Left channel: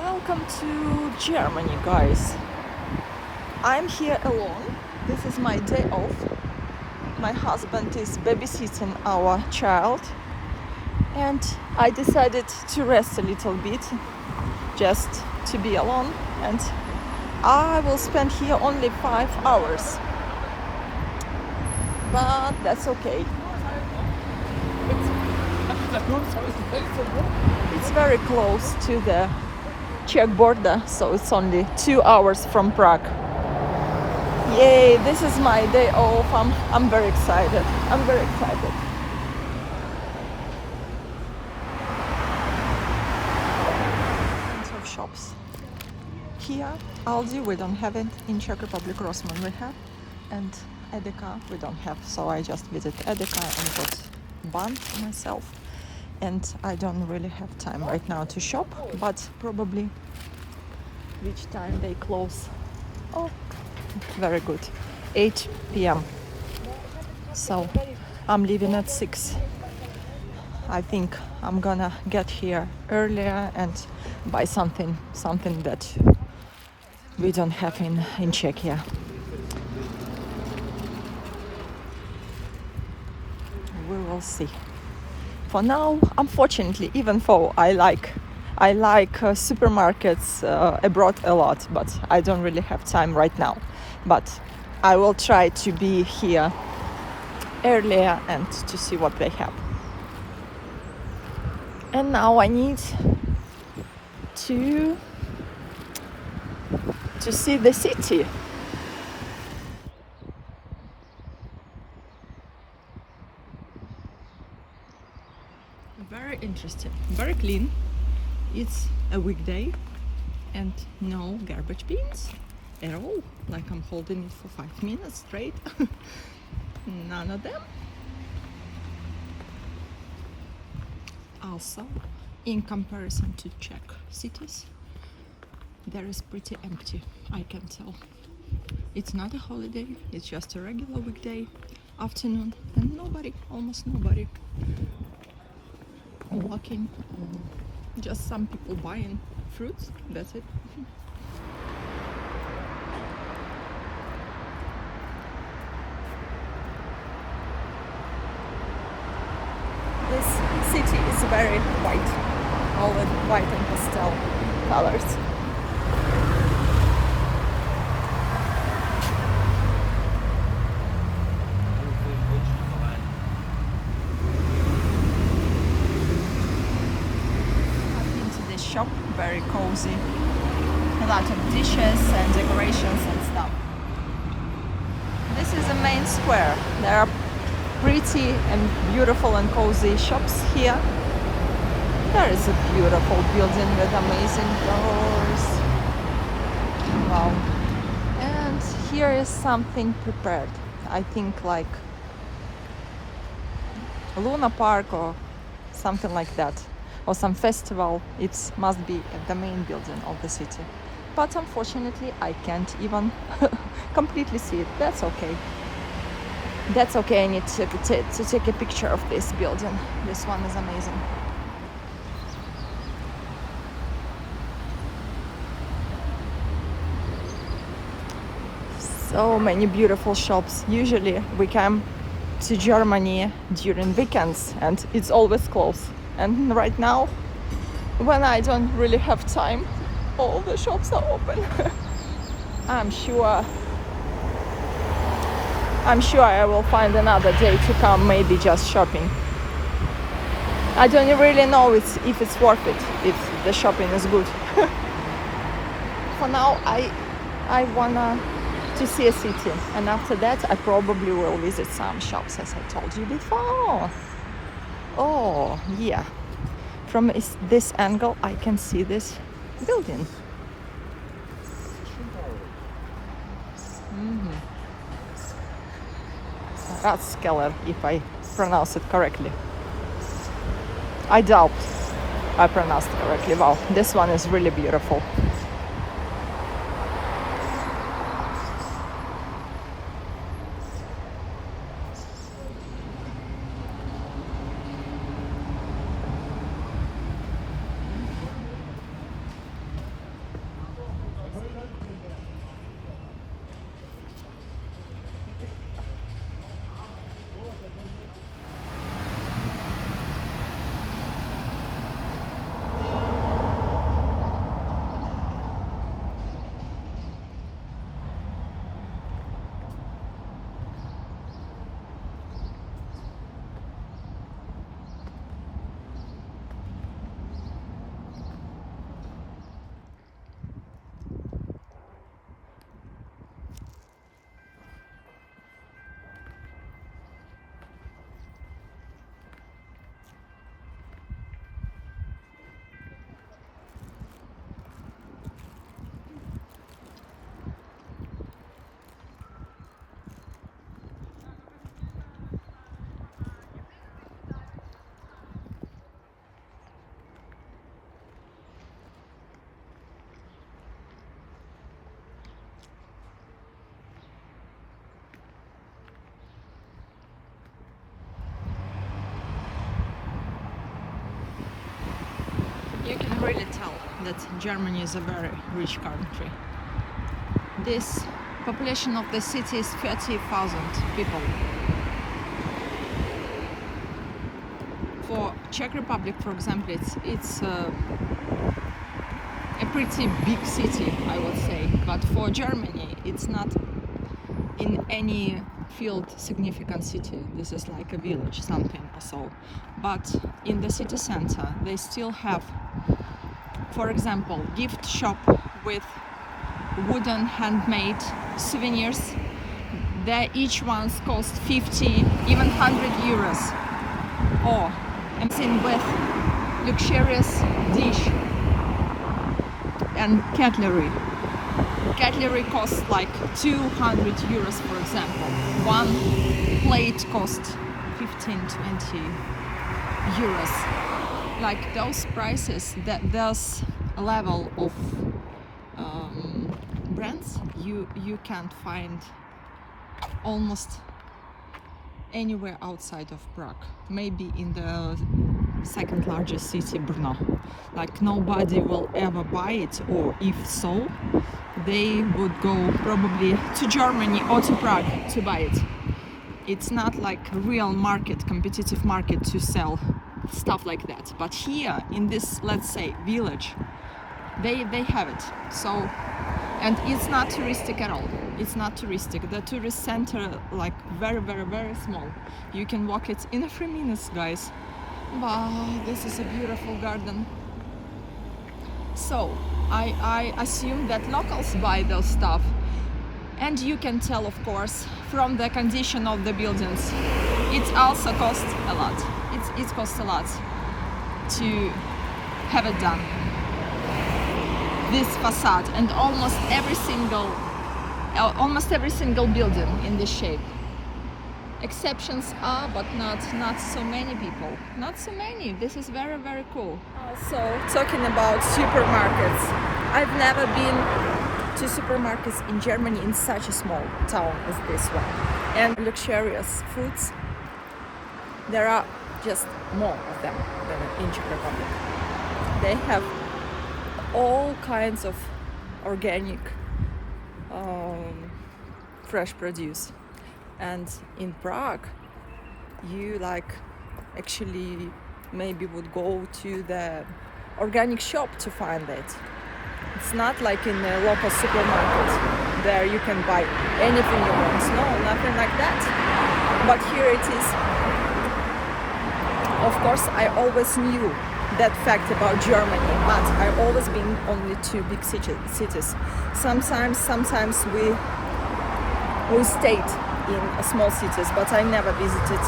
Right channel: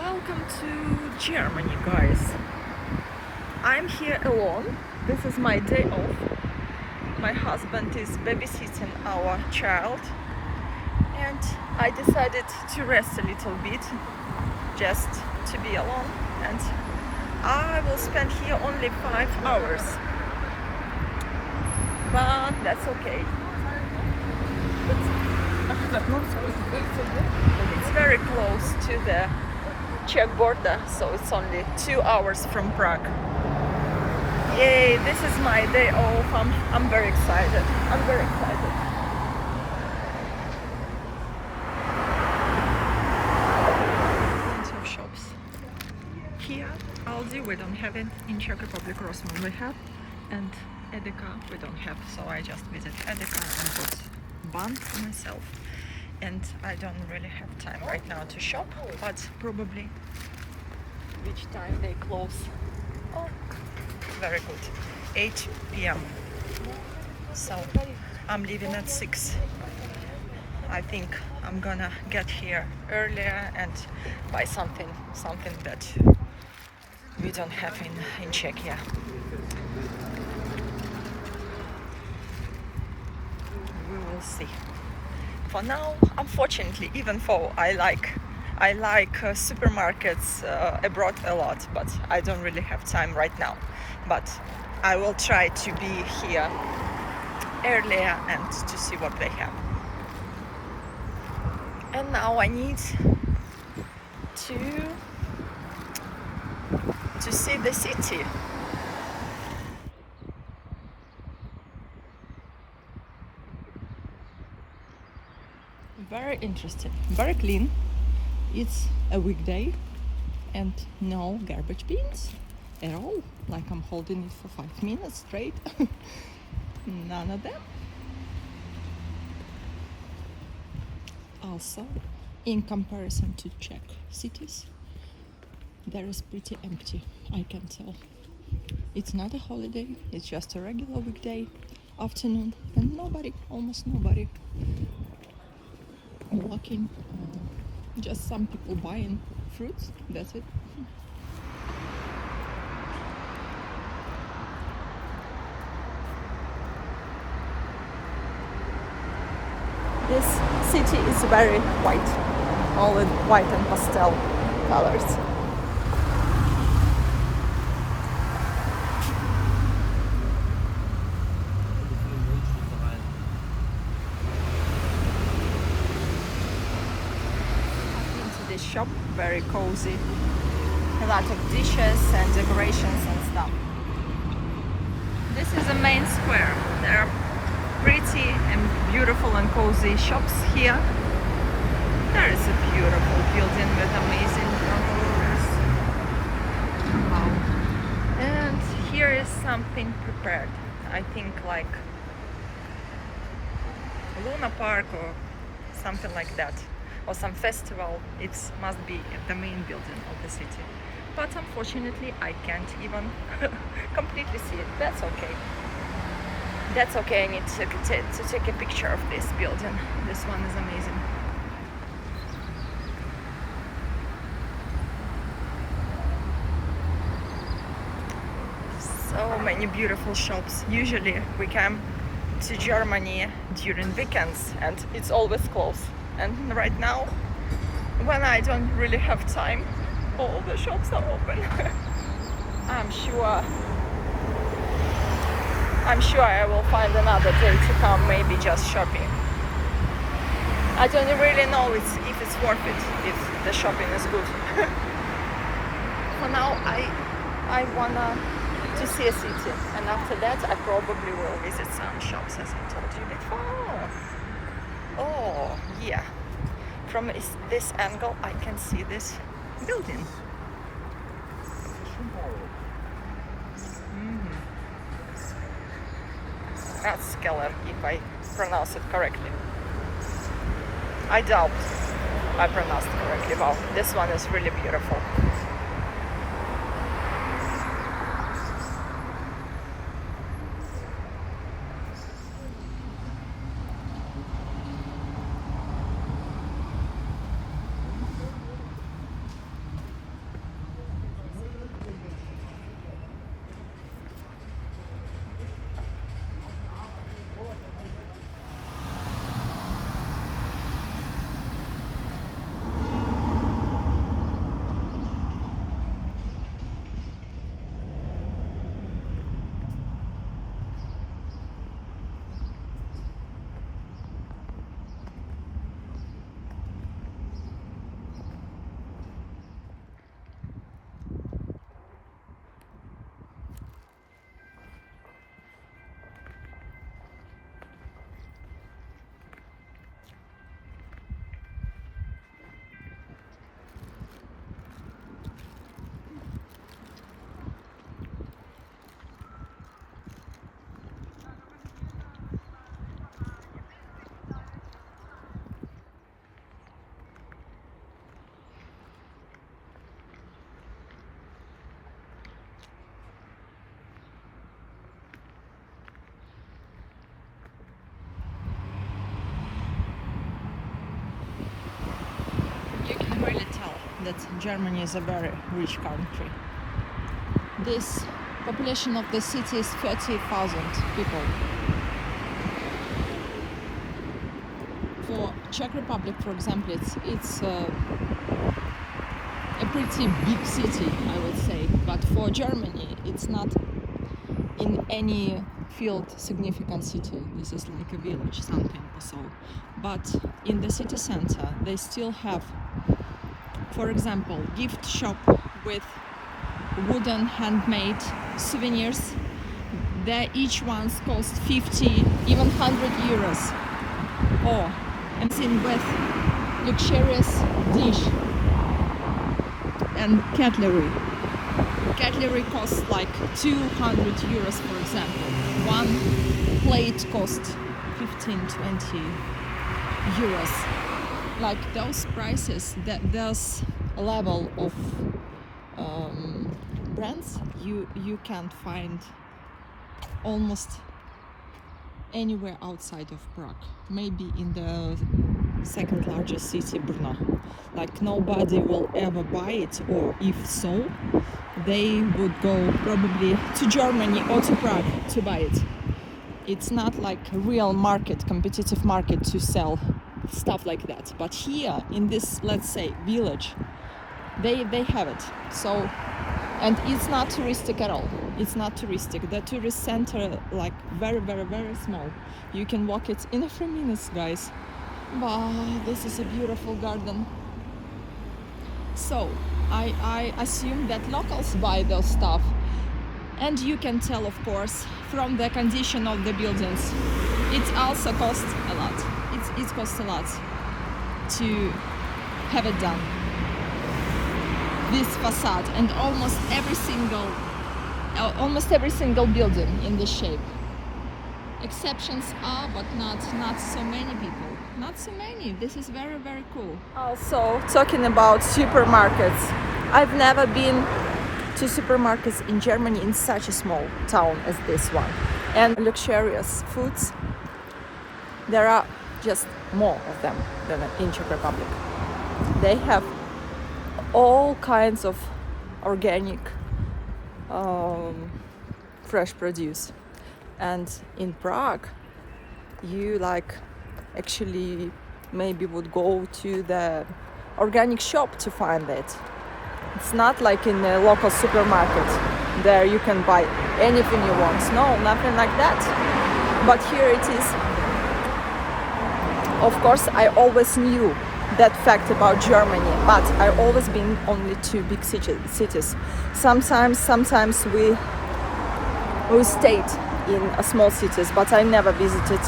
Welcome to Germany, guys. I'm here alone. This is my day off. My husband is babysitting our child, and I decided to rest a little bit, just to be alone, and I will spend here only 5 hours. But that's okay. It's very close to the Czech border, so it's only 2 hours from Prague. Yay, this is my day off. I'm very excited. Plenty of shops. Here, Aldi, we don't have it. In Czech Republic, Rossmann we have. And Edeka we don't have, so I just visit Edeka and bought bun for myself. And I don't really have time right now to shop, but probably which time they close. Oh, very good, 8 p.m. So I'm leaving at 6. I think I'm gonna get here earlier and buy something that we don't have in Czechia. We will see. For now, unfortunately, even though I like supermarkets abroad a lot, but I don't really have time right now. But I will try to be here earlier and to see what they have. And now I need to see the city. Very interesting, very clean. It's a weekday and no garbage bins at all, like I'm holding it for 5 minutes straight. None of them. Also, in comparison to Czech cities, there is pretty empty, I can tell. It's not a holiday, it's just a regular weekday afternoon and nobody, almost nobody walking, just some people buying fruits, that's it. This city is very white, all in white and pastel colors. Shop, very cozy, a lot of dishes and decorations and stuff. This is the main square. There are pretty and beautiful and cozy shops here. There is a beautiful building with amazing doors. Wow. And here is something prepared. I think like Luna Park or something like that. Or some festival. It must be at the main building of the city, but unfortunately I can't even completely see it. That's okay. I need to take a picture of this building. This one is amazing. So many beautiful shops. Usually we come to Germany during weekends and it's always closed. And right now, when I don't really have time, all the shops are open. I'm sure I will find another day to come, maybe just shopping. I don't really know if it's worth it, if the shopping is good. For now, I wanna to see a city, and after that, I probably will visit some shops, as I told you before. Oh, yeah. From this angle, I can see this building. That's Keller, if I pronounce it correctly. I doubt I pronounced it correctly. Wow, this one is really beautiful. really tell that Germany is a very rich country. This population of the city is 30,000 people. For Czech Republic, for example, it's a pretty big city, I would say. But for Germany, it's not in any field significant city. This is like a village, something or so. But in the city center, they still have, for example, gift shop with wooden handmade souvenirs. Each one's cost 50, even 100 euros. Or something with luxurious dish and cutlery. Cutlery costs like 200 euros, for example. One plate costs 15-20 euros. Like those prices, those level of brands you can't find almost anywhere outside of Prague. Maybe in the second largest city, Brno. Like nobody will ever buy it, or if so, they would go probably to Germany or to Prague to buy it. It's not like a real market, competitive market to sell stuff like that. But here in this, let's say, village, they have it. So, and it's not touristic at all. It's not touristic. The tourist center, like very, very, very small. You can walk it in 3 minutes, guys. Wow, this is a beautiful garden. So I assume that locals buy those stuff, and you can tell, of course, from the condition of the buildings. It also costs a lot. It costs a lot to have it done. This facade and almost every single building in this shape. Exceptions are, but not so many people. Not so many. This is very, very cool. Also, talking about supermarkets, I've never been to supermarkets in Germany in such a small town as this one. And luxurious foods, there are just more of them than in Czech Republic. They have all kinds of organic fresh produce. And in Prague, you actually maybe would go to the organic shop to find it. It's not like in the local supermarket. There you can buy anything you want. No, nothing like that. But here it is. Of course, I always knew that fact about Germany, but I always been only to big cities. Sometimes we stayed in small cities, but I never visited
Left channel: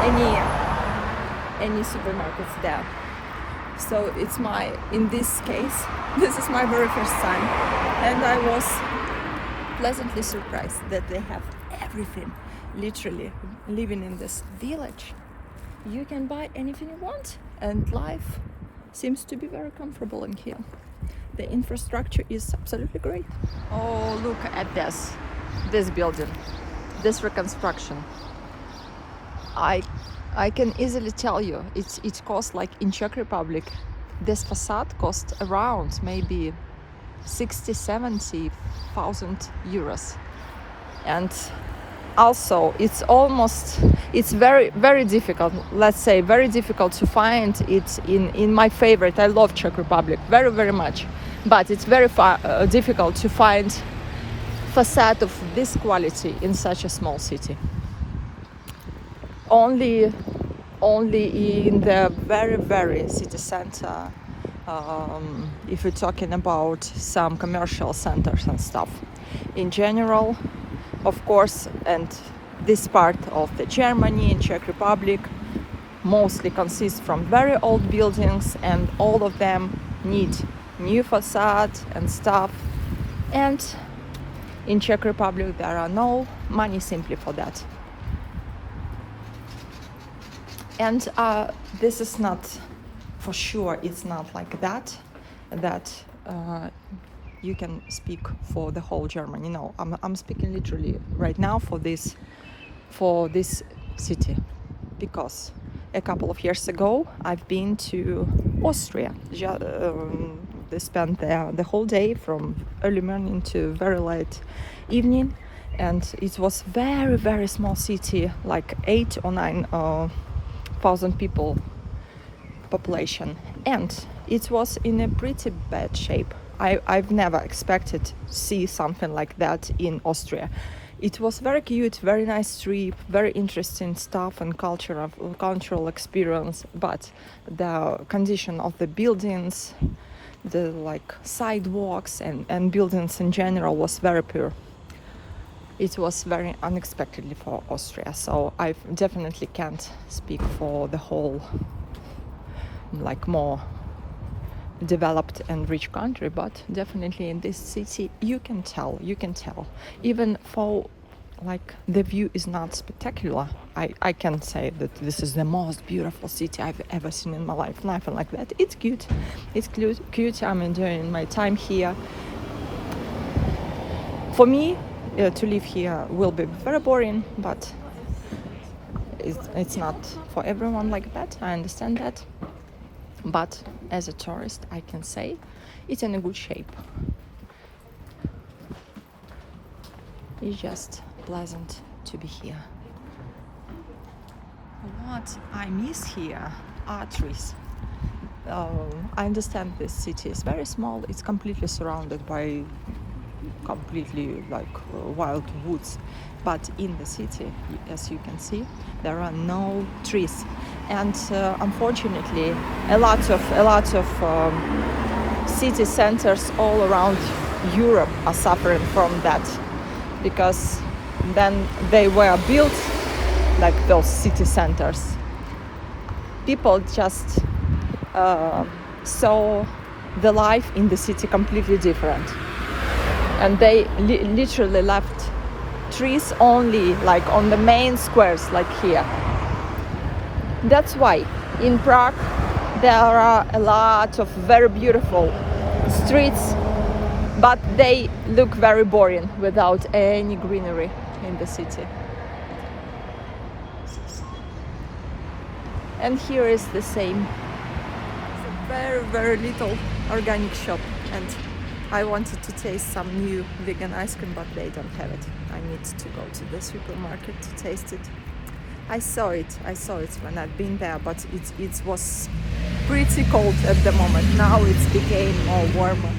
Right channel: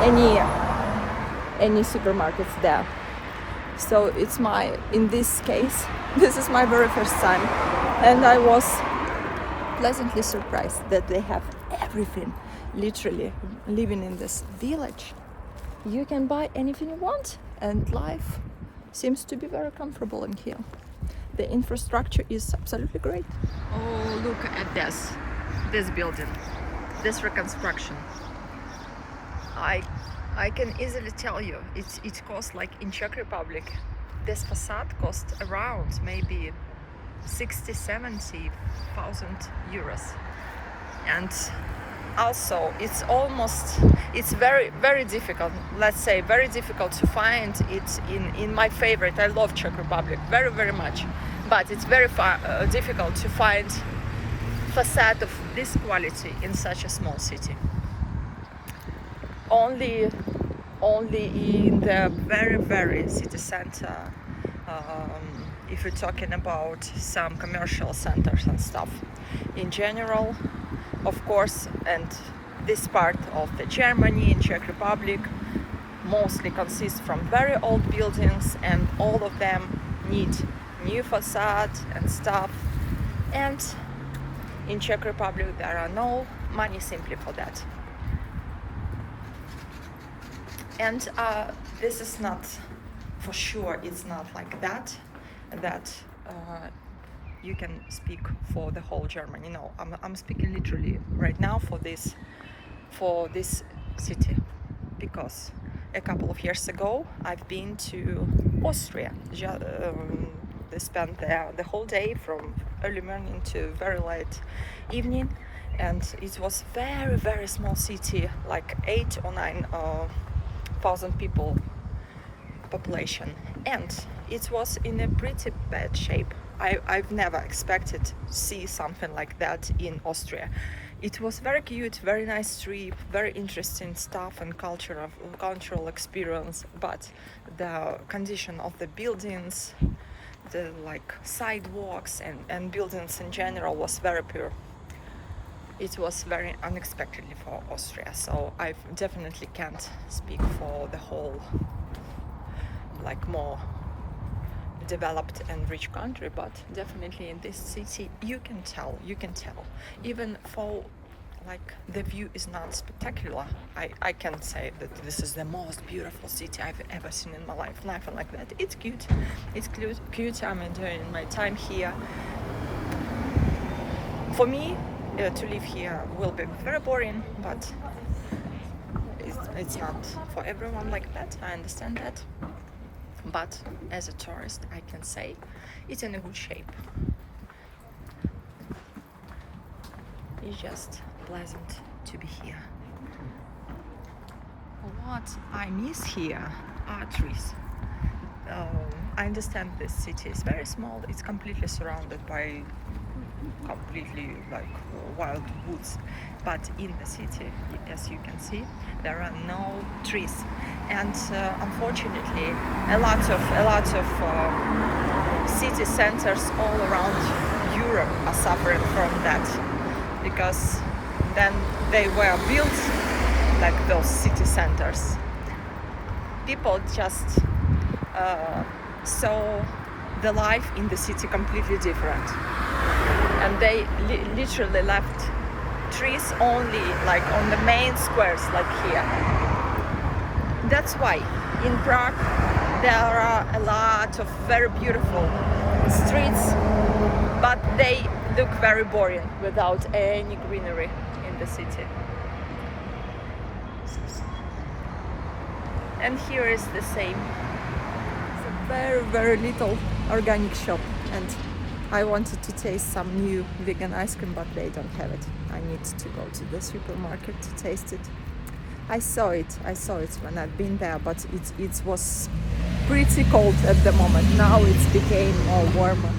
any supermarkets there. So in this case, this is my very first time, and I was pleasantly surprised that they have everything. Literally, living in this village, you can buy anything you want, and life seems to be very comfortable in here. The infrastructure is absolutely great. Oh, look at this building, this reconstruction. I can easily tell you it costs, like in Czech Republic, this facade cost around maybe 60-70,000 euros. And also it's very, very difficult, let's say very difficult to find it in my favorite. I love Czech Republic very, very much, but it's very difficult to find facade of this quality in such a small city. Only in the very, very city center, if we're talking about some commercial centers and stuff. In general, of course, and this part of the Germany and Czech Republic mostly consists from very old buildings, and all of them need new facade and stuff. And in Czech Republic there are no money simply for that. And this is not, for sure, it's not like that you can speak for the whole Germany. No, I'm speaking literally right now for this city, because a couple of years ago, I've been to Austria. They spent there the whole day from early morning to very late evening, and it was very small city, like 8 or 9 thousand people population, and it was in a pretty bad shape. I've never expected to see something like that in Austria. It was very cute, very nice trip, very interesting stuff and cultural experience, but the condition of the buildings, the like sidewalks and buildings in general was very poor. It was very unexpectedly for Austria, so I definitely can't speak for the whole like more developed and rich country, but definitely in this city you can tell, even for like the view is not spectacular. I can say that this is the most beautiful city I've ever seen in my life, nothing like that. It's cute, I'm enjoying my time here. For me, to live here will be very boring, but it's not for everyone like that, I understand that. But as a tourist, I can say it's in a good shape. It's just pleasant to be here. What I miss here are trees. I understand this city is very small. It's completely surrounded by completely like wild woods, but in the city, as you can see, there are no trees, and unfortunately a lot of city centers all around Europe are suffering from that, because then they were built like those city centers. People just saw the life in the city completely different, and they literally left trees only like on the main squares like here. That's why in Prague there are a lot of very beautiful streets, but they look very boring without any greenery in the city. And here is the same. It's a very little organic shop, and I wanted to taste some new vegan ice cream, but they don't have it. I need to go to the supermarket to taste it. I saw it when I've been there, but it was pretty cold at the moment. Now it's became more warmer.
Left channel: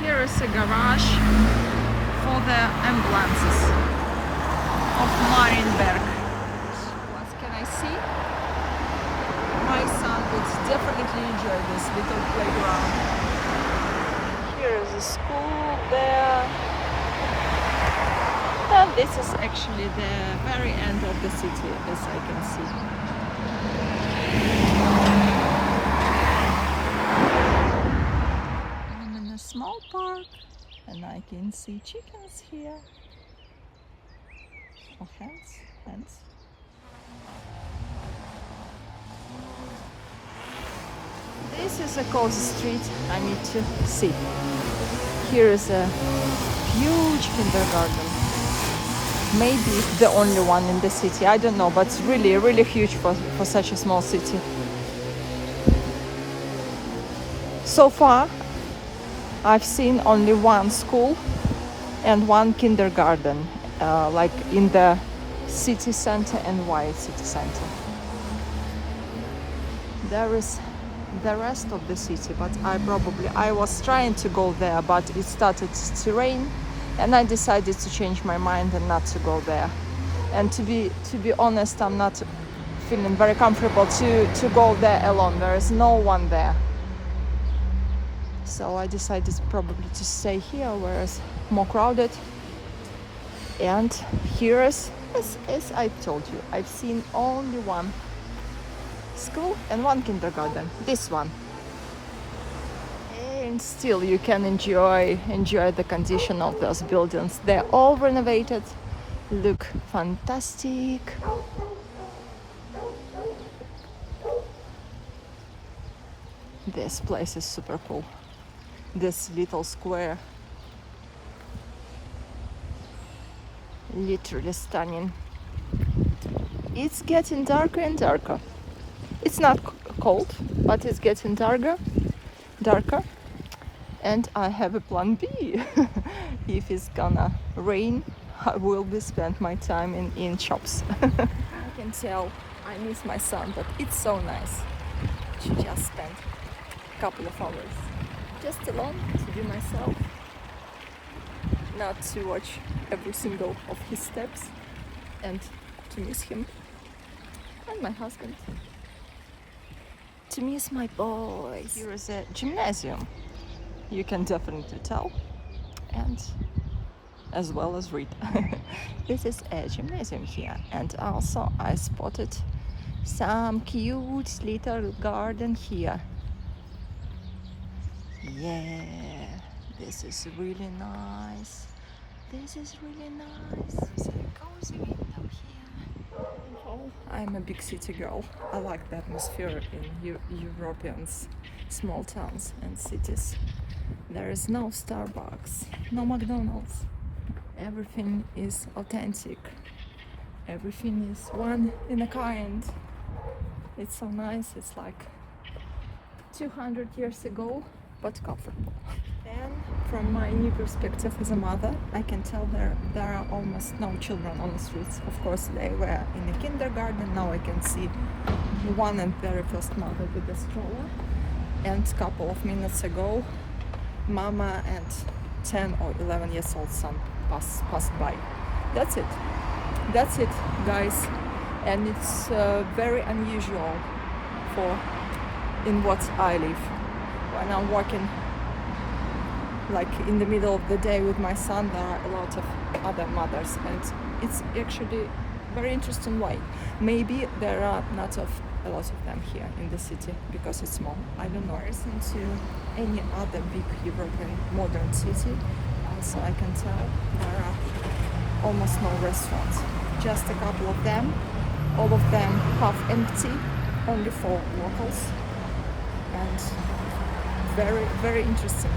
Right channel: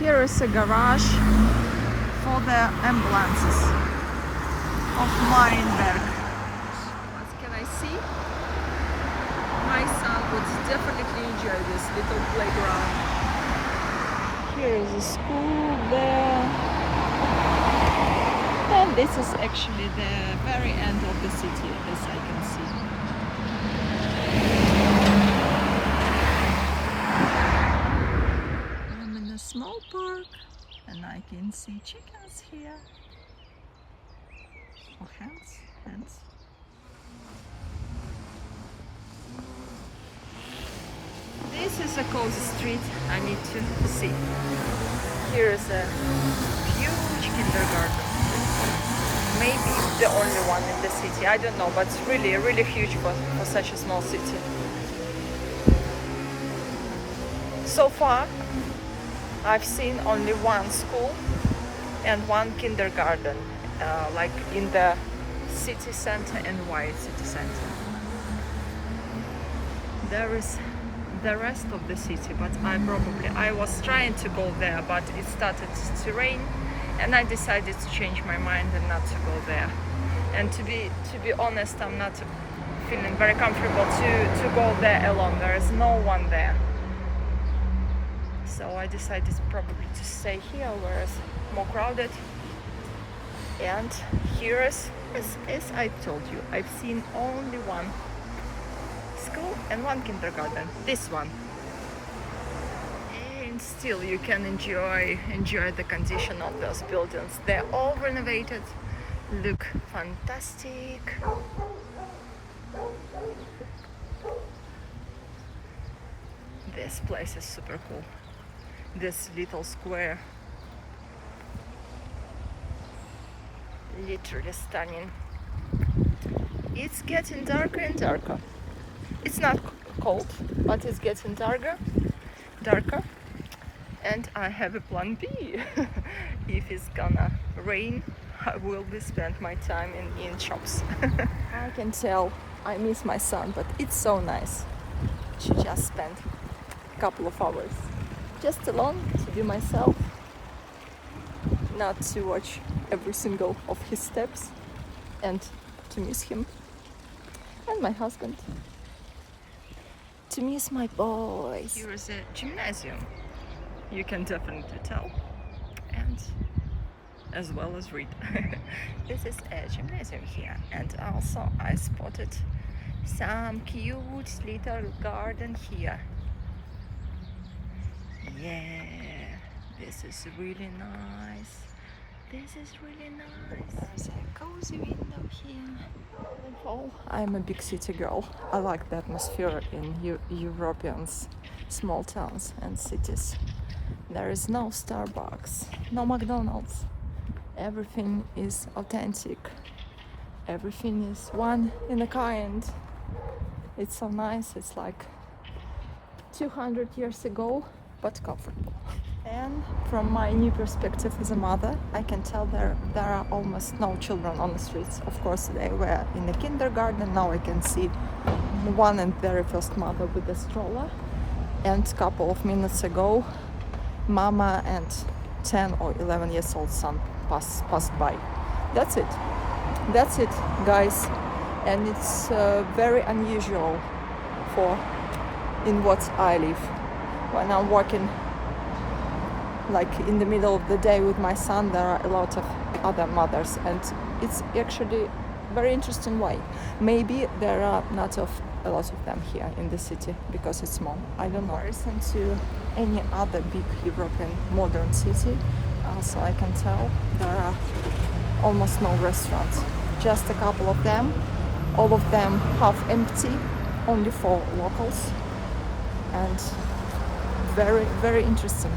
Here is a garage for the ambulances of Marienberg. What can I see? My son would definitely enjoy this little playground. Here is a school there. And this is actually the very end of the city, as I can see. I'm in a small park and I can see chickens here. Oh, hens. This is a cozy street I need to see. Here is a huge kindergarten. Maybe the only one in the city, I don't know, but it's really huge for such a small city. So far, I've seen only one school and one kindergarten, like in the city center and Wyatt city center. There is the rest of the city, but I was trying to go there, but it started to rain, and I decided to change my mind and not to go there. And to be honest, I'm not feeling very comfortable to go there alone. There is no one there, so I decided probably to stay here where it's more crowded. And here is, as I told you, I've seen only one school and one kindergarten, this one, and still you can enjoy the condition of those buildings. They're all renovated, look fantastic. This place is super cool, this little square. Literally stunning. It's getting darker and darker. It's not cold, but it's getting darker. And I have a plan B. If it's gonna rain, I will be spend my time in shops. I can tell I miss my son, but it's so nice to just spend a couple of hours just alone, to be myself, not to watch every single of his steps, and to miss him and my husband, to miss my boys. Here is a gymnasium, you can definitely tell, and as well as read. This is a gymnasium here, and also I spotted some cute little garden here. Yeah, this is really nice. This is really nice. There's a cozy window here. I'm a big city girl. I like the atmosphere in European small towns and cities. There is no Starbucks, no McDonald's. Everything is authentic. Everything is one in a kind. It's so nice. It's like 200 years ago, but comfortable. And from my new perspective as a mother, I can tell there are almost no children on the streets. Of course, they were in the kindergarten. Now I can see one and very first mother with a stroller. And a couple of minutes ago, mama and 10 or 11 years old son passed by. That's it. That's it, guys. And it's very unusual for in what I live. When I'm walking like in the middle of the day with my son, there are a lot of other mothers, and it's actually very interesting why. Maybe there are not a lot of them here in the city because it's small. I don't know. In comparison to any other big European modern city, also I can tell there are almost no restaurants. Just a couple of them. All of them half empty, only for locals, and very, very interesting.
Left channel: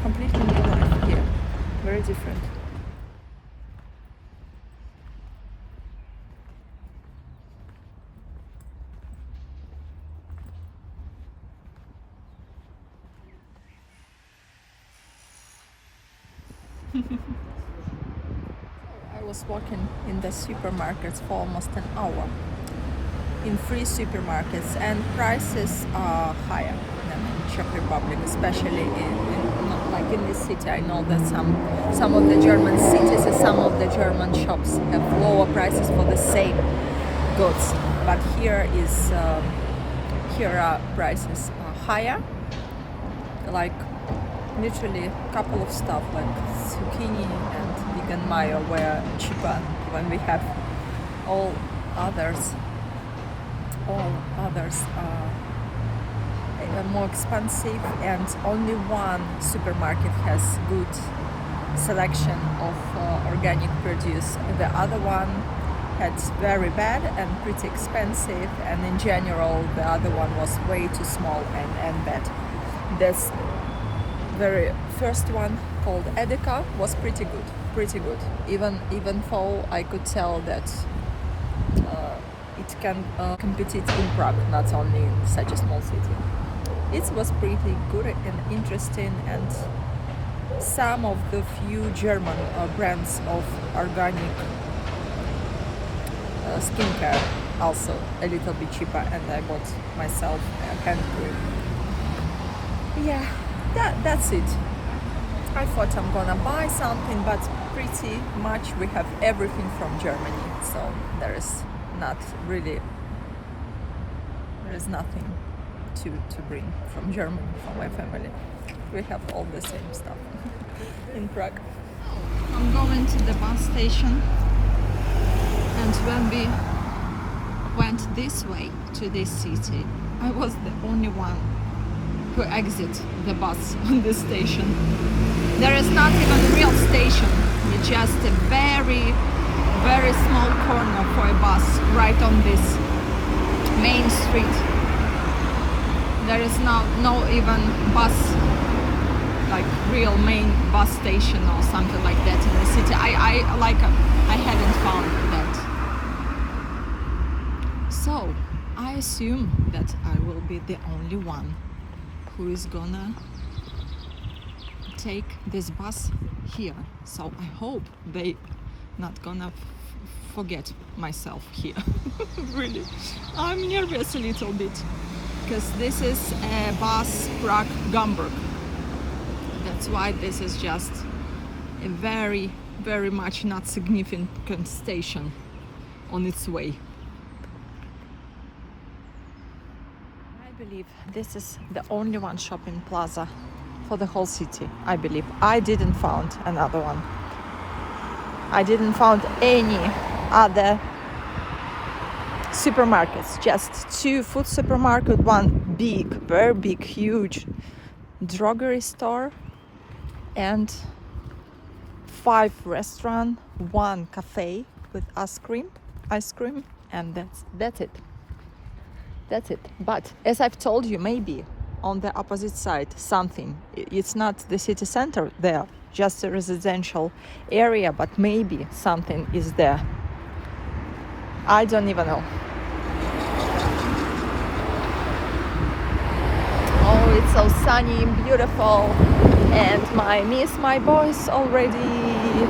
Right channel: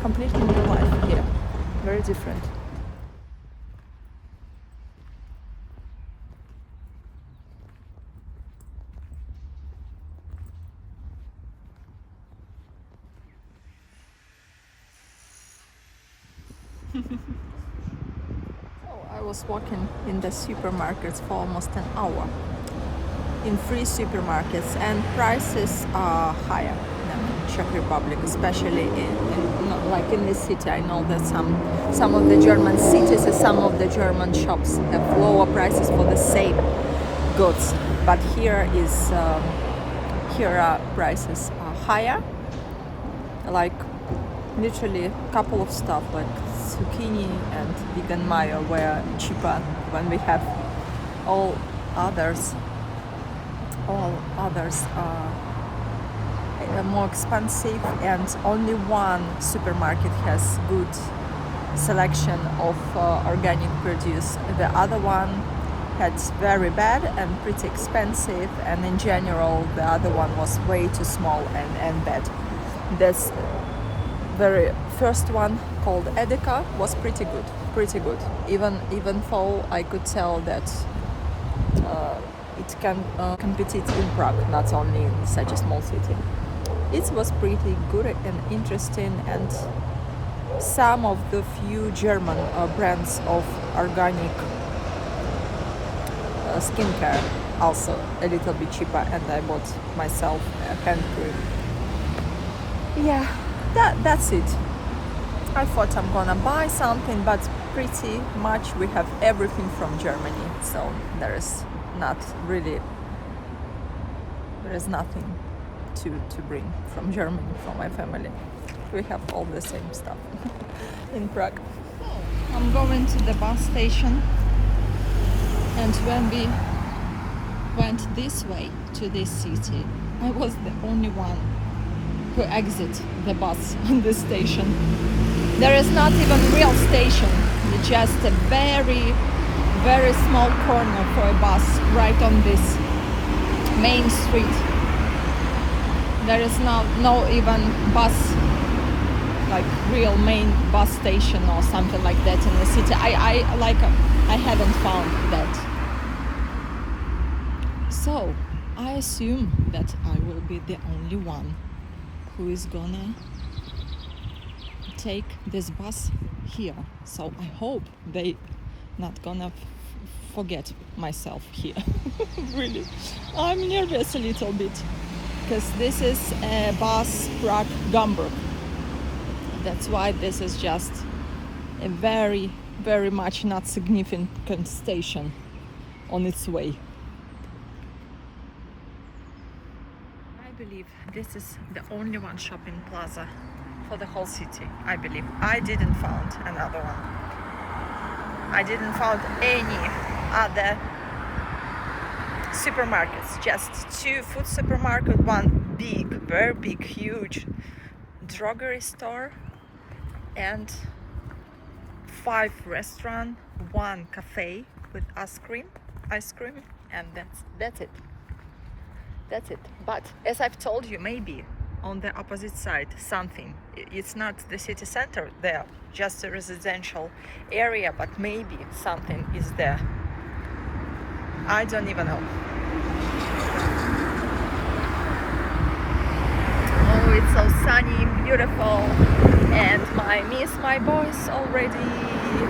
Completely new life here, very different. I was walking in the supermarkets for almost an hour, in 3 supermarkets, and prices are higher than in Czech Republic, especially like in this city. I know that some of the German cities and some of the German shops have lower prices for the same goods, but here prices are higher. Like literally a couple of stuff like zucchini and vegan mayo were cheaper when we have all others are more expensive, and only one supermarket has good selection of organic produce. The other one had very bad and pretty expensive, and in general the other one was way too small and bad. This very first one called Edeka was pretty good. Even though I could tell that it can compete in Prague, not only in such a small city. It was pretty good and interesting, and some of the few German brands of organic skincare also a little bit cheaper, and I bought myself a hand cream. Yeah, that's it. I thought I'm gonna buy something, but pretty much we have everything from Germany, so there is nothing to bring from Germany for my family. We have all the same stuff in Prague. I'm going to the bus station, and when we went this way to this city, I was the only one who exit the bus in this station. There is not even a real station, it's just a very, very small corner for a bus right on this main street. There is no even bus like real main bus station or something like that in the city. I haven't found that. So I assume that I will be the only one who is gonna take this bus here. So I hope they not gonna forget myself here. Really, I'm nervous a little bit because this is a bus Prague Hamburg. That's why this is just a very, very much not significant station on its way. I believe this is the only one shopping plaza for the whole city. I believe I didn't find another one. I didn't find any other supermarkets, just 2 food supermarket, 1 big, very big, huge drogery store, and 5 restaurant, 1 cafe with ice cream, and that's it. That's it. But as I've told you, maybe on the opposite side something. It's not the city center there, just a residential area, but maybe something is there. I don't even know. Oh, it's so sunny, beautiful, and I miss my voice already.